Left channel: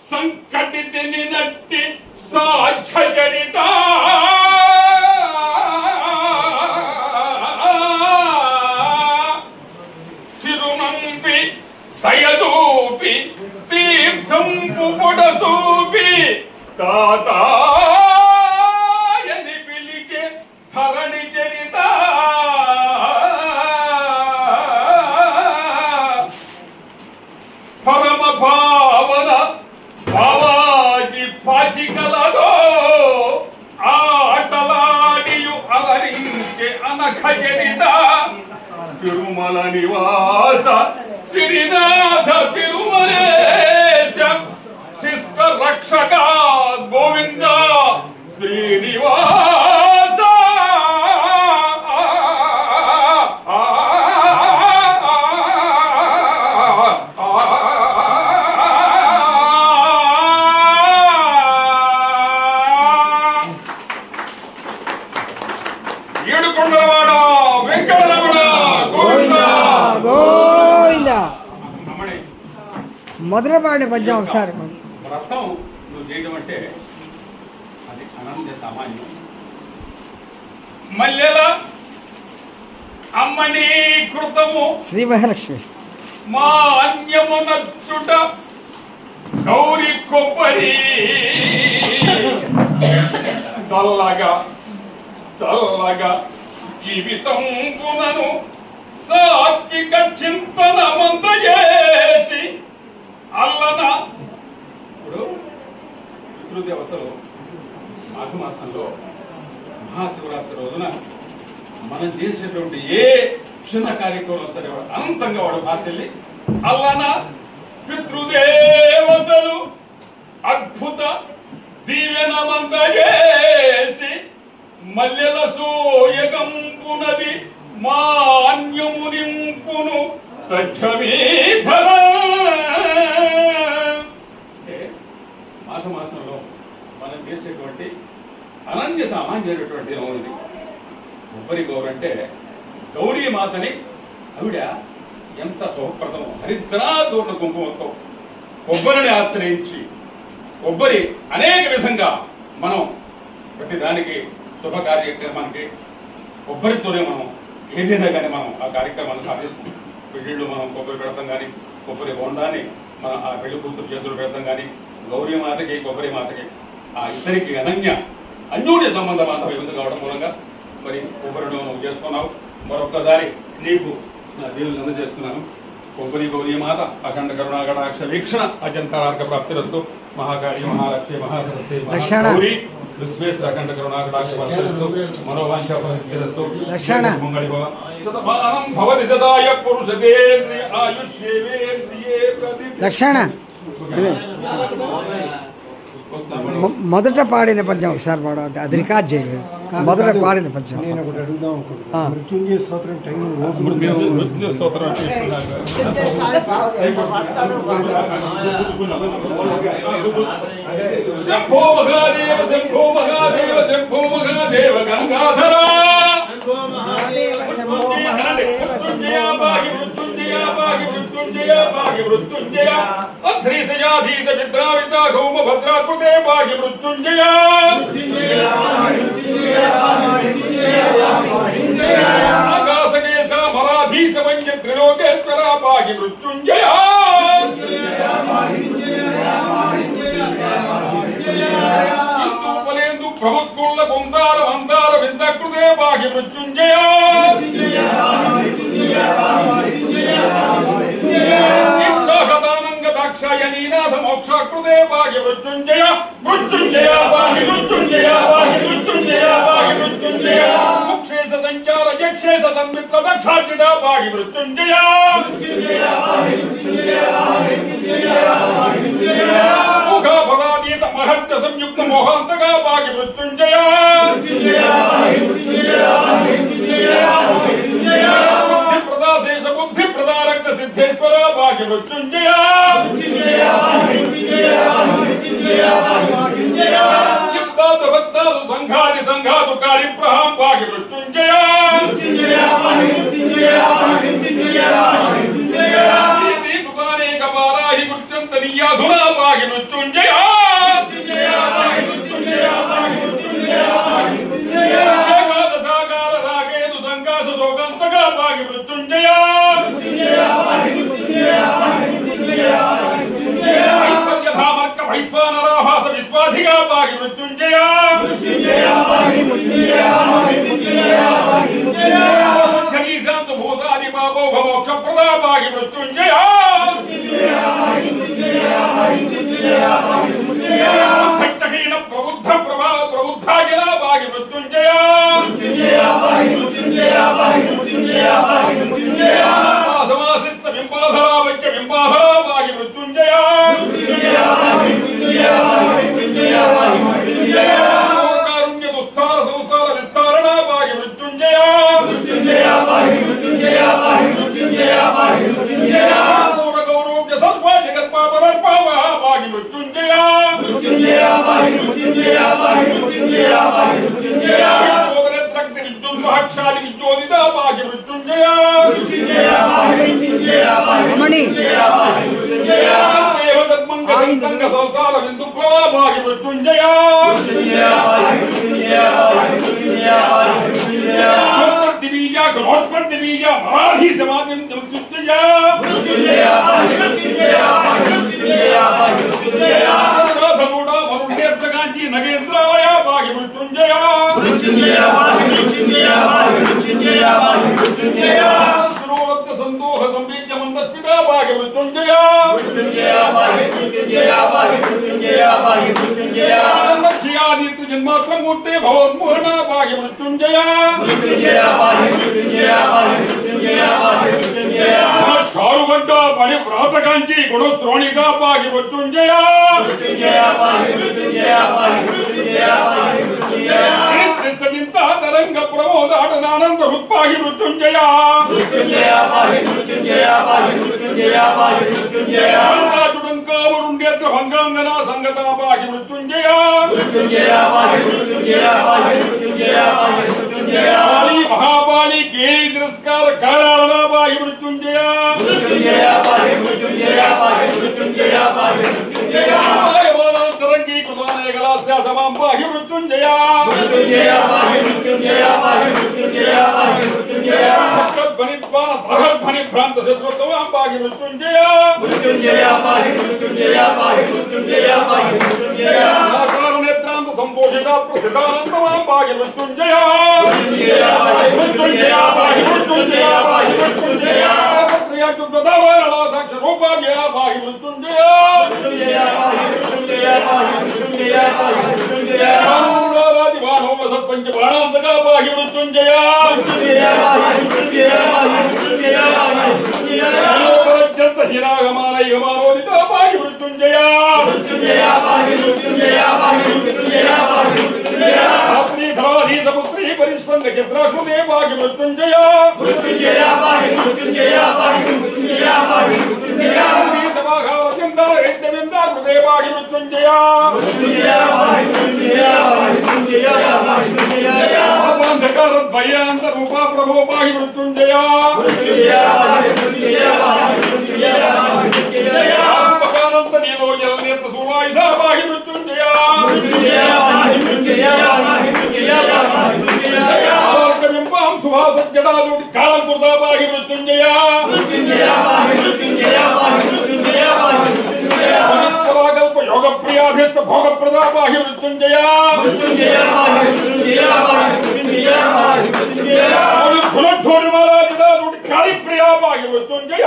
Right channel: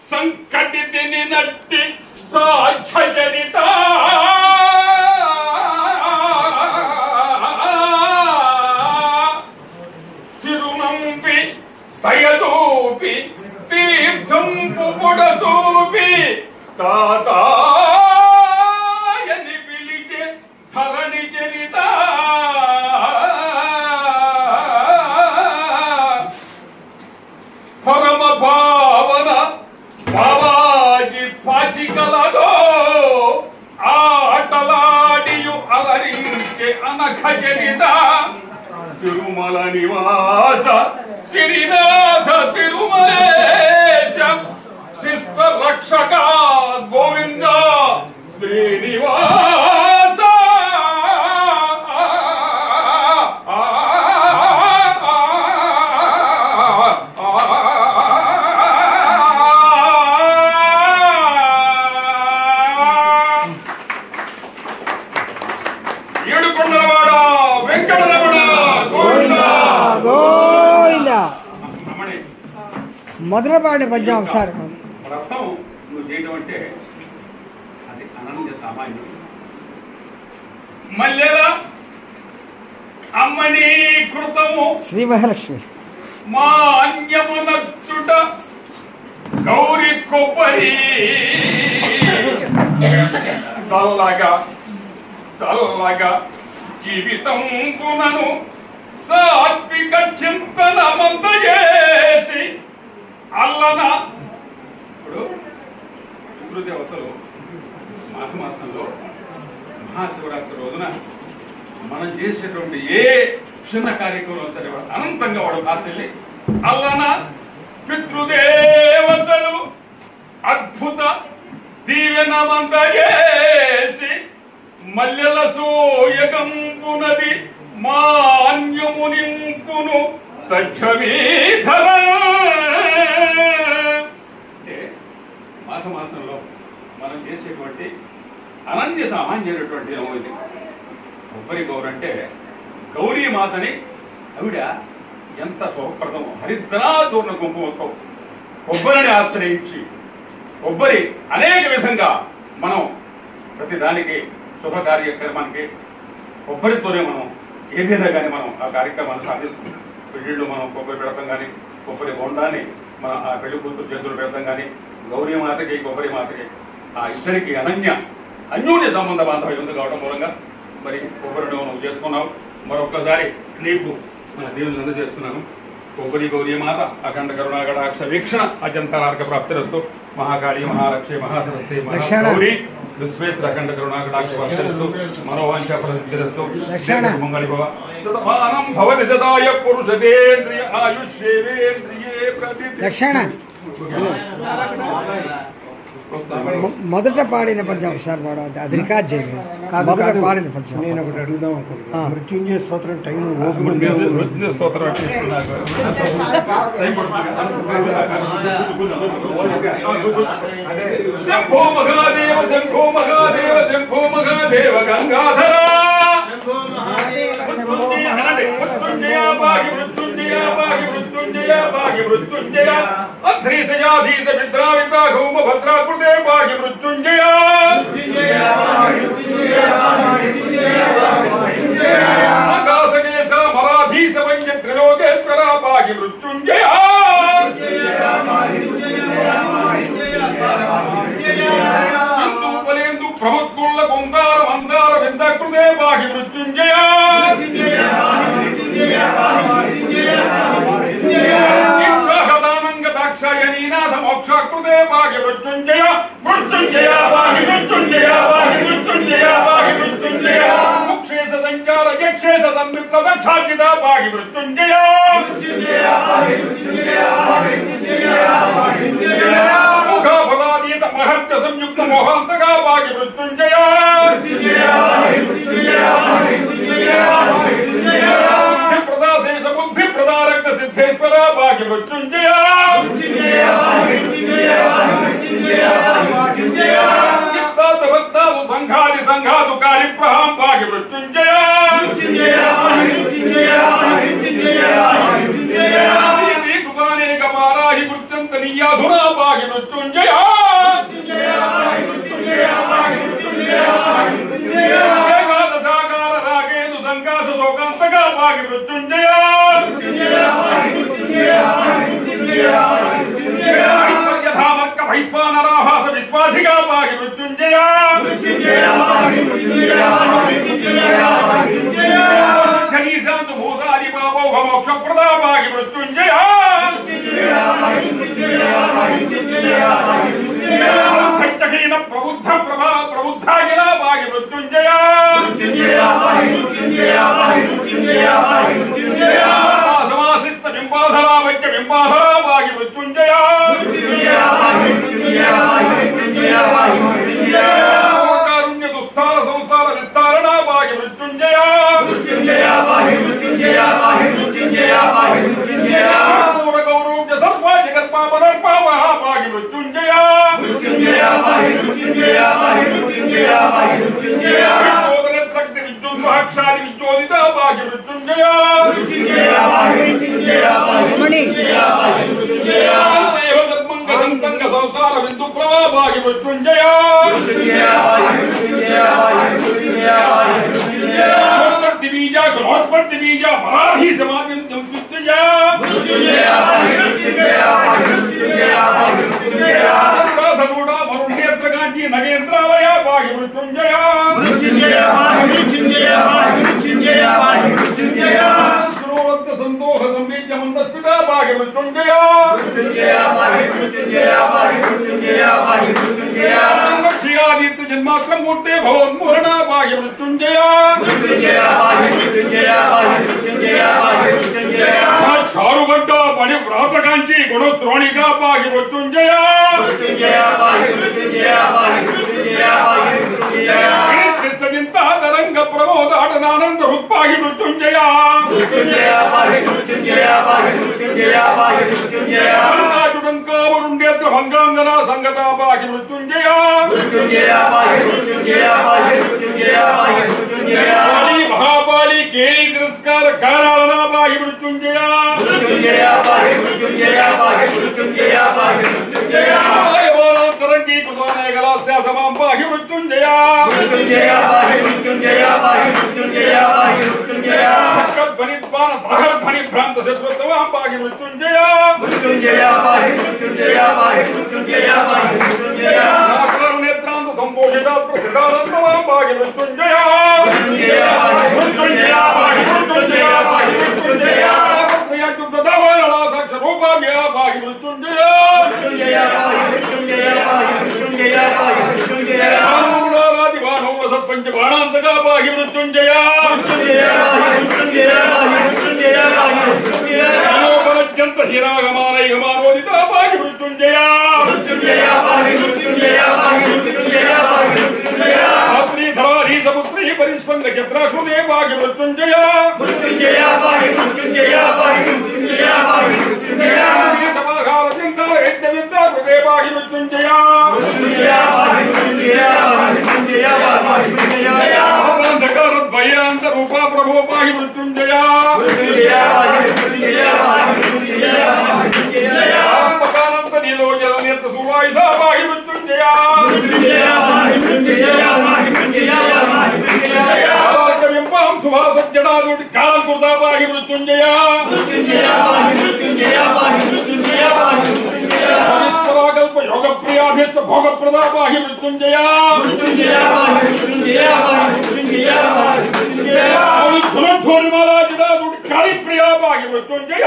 సంకటిని నట్టి సాధ్యచరిత తిరునంపి దయదూపి తీర్థంపు పొడసూపి తాతాయని పిలిచే ధరణి చరిత పరమ భావన బాలాజీ పాచికలదో ఆటలాడియు అలరించే అనఘ చరిత తిరుమల నివాస శ్రీనాథ తిరుమలేశ శిష్ట రక్షక గోవింద శ్రీనివాస ఏడుకొండలవాడ వెంకటరమణ గోవింద గోవింద. మొదటి పాడిన పద్యం ఒకసారి అర్థం నువ్వు చేయడం అంటే అది అనంత సామాన్యం. మల్లెల అమ్మని కృతము శ్రీ మహాలక్ష్మి మా అన్యమునచ్చుట గౌరి కొబ్బరి చల్లగా చల్లగా జీవితం పునను సాత్విక చింతన మందజేసి అల్లన. ఇప్పుడు పితృదేవతలు మాఘమాసంలో మహాశివరాత్రి రోజున మనం చేసేటువంటి ఏ చిన్న కార్యక్రమం సరే వాడు అనంతంగా వాడు భాషల్ని అల్లన పితృదేవతలు అద్భుత దీవెన మందజేసి మల్లెల సోయగంపునది మాన్యము నింపును తచ్చమీధర. అంటే మాఘమాసంలో మనం చేసేటువంటి అనన్య సామాన్యమైనటువంటి ఇది కొబ్బరి గౌరు అంటే గౌరీ మాతని ఆవిడ ఎంత శుభప్రదం. హరిద్రాచూర్ణ కుంకుమతో కొబ్బరిని ఆశ్రయించి కొబ్బరి అనేక విధంగా మనం ప్రతి దానికి శుభ కార్యక్రమానికి కొబ్బరితోనే మనం ఏదైనా కానీ మనం ఆ కార్యక్రమాన్ని సాధిస్తాం. పెళ్లిళ్ళు మనం కొబ్బరి పెడతాం కానీ కొబ్బరి బొండాన్ని మన ఆ పెళ్లి కూతురు చేతులు పెడతాం కానీ గౌరీ మాతకి కొబ్బరి మాతకి ఆ ఇద్దరికి అన్యోన్య సంబంధ బాంధవ్యం ఉంది కావడం మూలంగా మరి కొబ్బరిని నువ్వు చేసుకున్నావు. మరొక్కసారి నీకు నా దేవుని అందజేస్తున్నాను. కొబ్బరి గౌరీ మాత అఖండ కరుణాకటాక్ష వీక్షణ అజంతరార్క ప్రాప్తిరస్తు. మహాకాళి మహాలక్ష్మి మహాసరస్వతి మహాగౌరీ విశ్వేశ్వర అఖండ కరుణాకటాక్ష ప్రాప్తిరస్తు. మనోవాంఛ ఫలసిద్ధిరస్తు. మంగళి భవ సతమానం భవతి సదాయ పురుషదేంద్రియ ఆయుష్యేంద్రియే లక్షణ. మొదట పాడిన పద్యం ఒకసారి పాడు, అది రికార్డ్ చేయండి. మొదట పాడిన పద్యం నేను ఒకటి అడుగుదాం అనుకుంటున్నాను. మృత్యుంజయ స్తోత్రం టైం శంభో మహాదేవ శంభో మహాదేవ శంభో మహాదేవ గంగాధర శంభో మహాదేవ మృత్యుంజయ భాగి మృత్యుంజయ భాగి మృత్యుంజయ భాగి మృత్యుంజయ అధ్రీశయాధీశ విశ్రామిత గౌమ భద్రాకృతే భాగి మృత్యుంజయ ఆకాశదేశ మరాధీశ వంజ త్రిలోకేశ్వర భాగి మృత్యుంజయ ఇందు ప్రముఖుల కుందార మందార విందకృతే భాగి మృత్యుంజయ దీక్షాగదానంగ దాక్షాయణీనాథ మోక్షాకృతే భాగి మృత్యుంజయ మృత్యుంజయ భాగి మృత్యుంజయ భాగి మృత్యుంజయ భాగి మృత్యుంజయ ముక్షేశ సంచార యక్షేశ సన్మిత్ర దక్షార్జిత భాగి మృత్యుంజయ ముఖాపదాతీత మహత్య సంయుక్త మోహాంతగా భాగి మృత్యుంజయ బుద్ధి ప్రదాశేష బుద్ధి ప్రదారక్త సిద్ధేశ్వర భాగి మృత్యుంజయ యుక్తాత భక్తాలు సంఘాది సంఘాదు కాళి ప్రహాం భాగి మృత్యుంజయ దుకానేక పారాహి మృత్యు చింతనీయాధునా పాగి మృత్యుంజయ ఏకాదశాకాల రాగేదు సంకాశ శోకాంతగా పాగి మృత్యుంజయ యథామర్క వైశ్వానరాభాస విశ్వాధిగా పాగి మృత్యుంజయ ఖనీశాంతు భూతాది పాపౌఘ మోక్షప్రదా పాగి మృత్యుంజయ సత్యహీన ప్రబుద్ధ ప్రభా ప్రబుద్ధాగిలా పాగి మృత్యుంజయ సమాసిస్త బింబాధరా వైద్య బింబాధరా పాగి మృత్యుంజయ కారుణ్య దుస్థార సంసార విస్తారణ పాగి మృత్యుంజయ గౌరవ్య సర్వ జగత్పాపదర్పావ పాగి మృత్యుంజయ శక్తి విద్యున్మహక్షాది విద్యోదిత పాగి మృత్యుంజయ సంతంగ సంసార బిందు ప్రభా పాగి మృత్యుంజయ బీజ గ్రోత్పత్తి బీజ మరాహి సమాజం మృత్యుంజయ ధనుడా వరుణేత్రకాంచి నగేంద్రాలయ పాగి మృత్యుంజయ శ్రోవత్త సంతోష సంబీజ మందస్పితా పాగి మృత్యుంజయ శ్రీయాదిత్య జన్మాత్రమూర్తే భగవన్మోహన పాగి మృత్యుంజయ చారుగడ్డ పడి వ్రాతకాంచి గుణద్రోణిగా పాగి మృత్యుంజయ సజింత తరంగ ప్రమోదాటనానంద హృత్పాగి మృత్యుంజయ చుడంకావరుండేత్ర భంగాంగన సంగతా పాగి మృత్యుంజయ మహాబాలి కేళి తిరస్కార కారాలన పాగి మృత్యుంజయ తరంగీ కృతానే గలాస్యాసమాం పాగి మృత్యుంజయ ధ్వనిత్వాన ధ్వని భ్రాంత శత్రుత్వాం పాగి మృత్యుంజయ నేత్రాంత సంపోషిత ప్రసిద్ధానందమాం పాగి మృత్యుంజయ సాక్ష రూపాభ్య పాగి మృత్యుంజయ సత్పంచ బాణాంతగా పాగి మృత్యుంజయ హీరాగమానైగమానోదిత పాగి మృత్యుంజయ ధరాధీసపుత్రీ పరిస్పంద చిత్రాకృతే పాగి మృత్యుంజయ కృతే పాగి మృత్యుంజయ భయాంత రూపా ప్రభో పాగి మృత్యుంజయ నీలోజనేత్ర సువాయుధ పాగి మృత్యుంజయ సుభాసజ్జడాదుడి కాలం కుర్దా పాగి మృత్యుంజయ కల్ప యోగ ప్రియాభ్యస్త భోగ ప్రదా పాగి మృత్యుంజయ ఛోరిమాలా జడాదుడి కాళి ప్రియా పాగి మృత్యుంజయ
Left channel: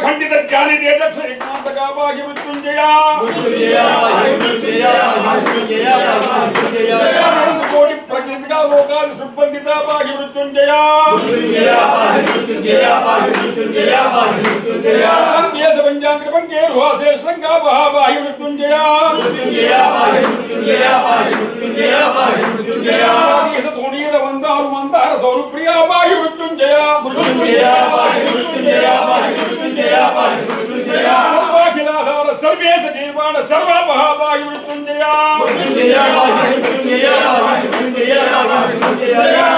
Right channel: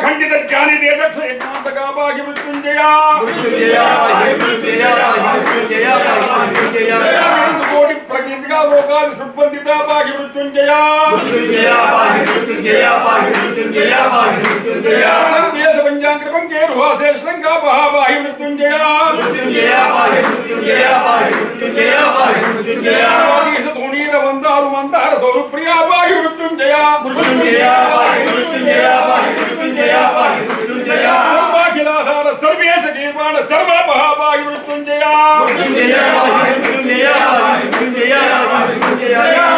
ఖండిత జ్ఞాని దేదక్ష యజ్ఞాంతగా పాగి మృత్యుంజయ కోటి ప్రకృతిగా లోకాలు సుబంధిత పాగి మృత్యుంజయ దేశ పంచాంగం కేరుహాసే శృంగా పాగి మృత్యుంజయ ధోనీర వందాలు మందార సౌరు ప్రియా పాగి మృత్యుంజయ సర్వాఖిలాధార సర్వేశ జీవాన సర్వ మహాపాగి మృత్యుంజయ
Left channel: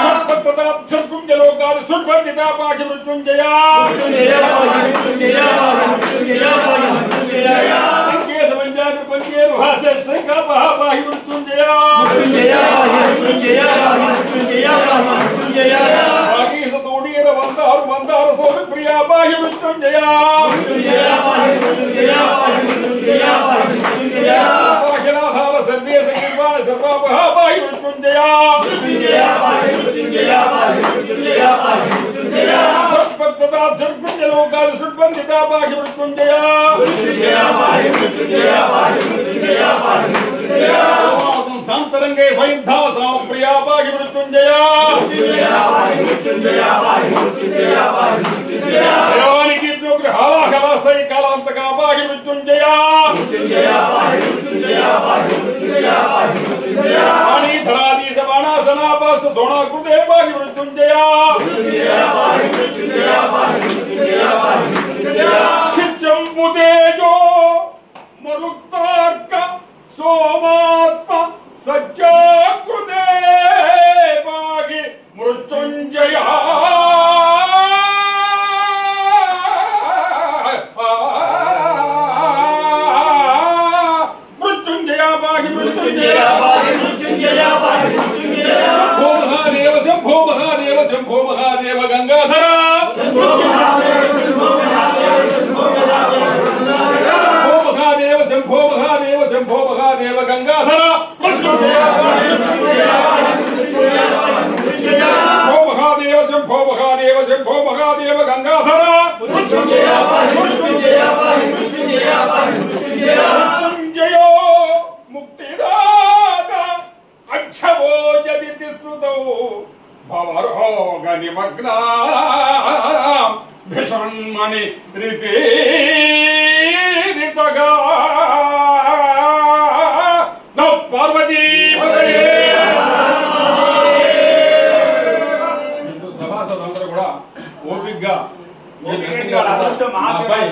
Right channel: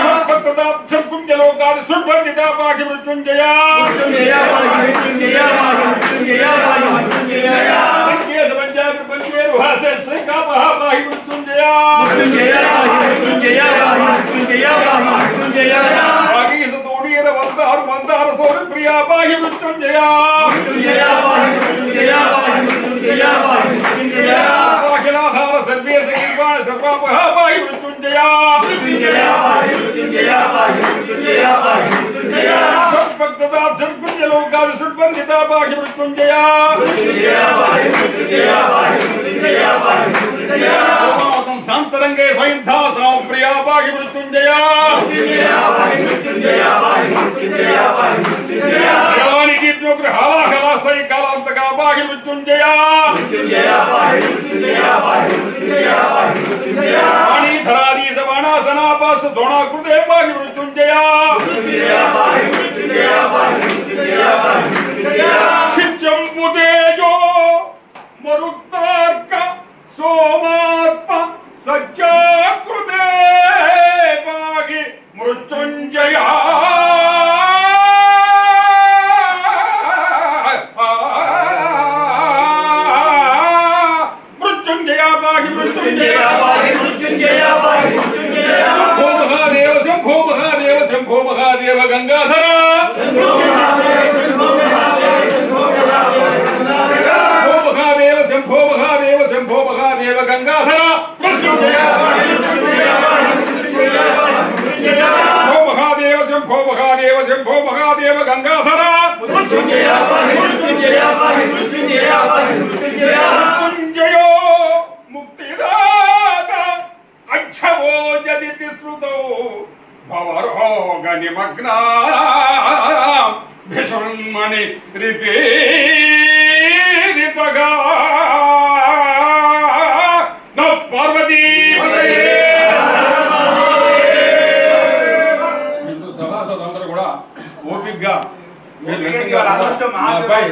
సర్వతదా సర్గుంజలోకాలు సుర్భ షుడ్బంధిత పాకి మృత్యుంజయ పంచేరు హాసే శ్రీకాపహ పాహి మృత్యుంజయ తోడీర వందారు వందార సోరు ప్రియా పాహి మృత్యుంజయ అఖిలాధార సర్వే సంగీర్వాణ సర్వాపహ పాహి మృత్యుంజయ షట్భక్తదాబ్జర్గుంజలోకాలు షుడ్బంధిత పాహి మృత్యుంజయ శాంతరంగే స్వయంధాసనం ప్రియా పాహి మృత్యుంజయ హాలాహలాసై కాలాంతకా పాహి మృత్యుంజయ ధరాధీశ బాణాసనాపాస సోణాకృతే పాహి మృత్యుంజయ శిత్యంబుతేజో మరుక్తార్క సోమాత్మ సజ్జాకృతే పాహి మృత్యుంజయ మృత్యుంజయ పాహి మృత్యుంజయ శంభో మహాదేవ శంభో మహాదేవ గంగాధర శంభో మహాదేవ శంభో మహాదేవ శంభో మహాదేవ గంగాధర శంభో మహాదేవ శంభో మహాదేవ శంభో మహాదేవ గంగాధర మృత్యుంజయో ముక్తిదాత అక్షవో జదితి శ్రుతౌ భవరోగ నిమగ్నా భీషణ్మణి రితగా పార్వతీ సభాసదులందరూ కూడా ఓపిగ్గా బాబాయ్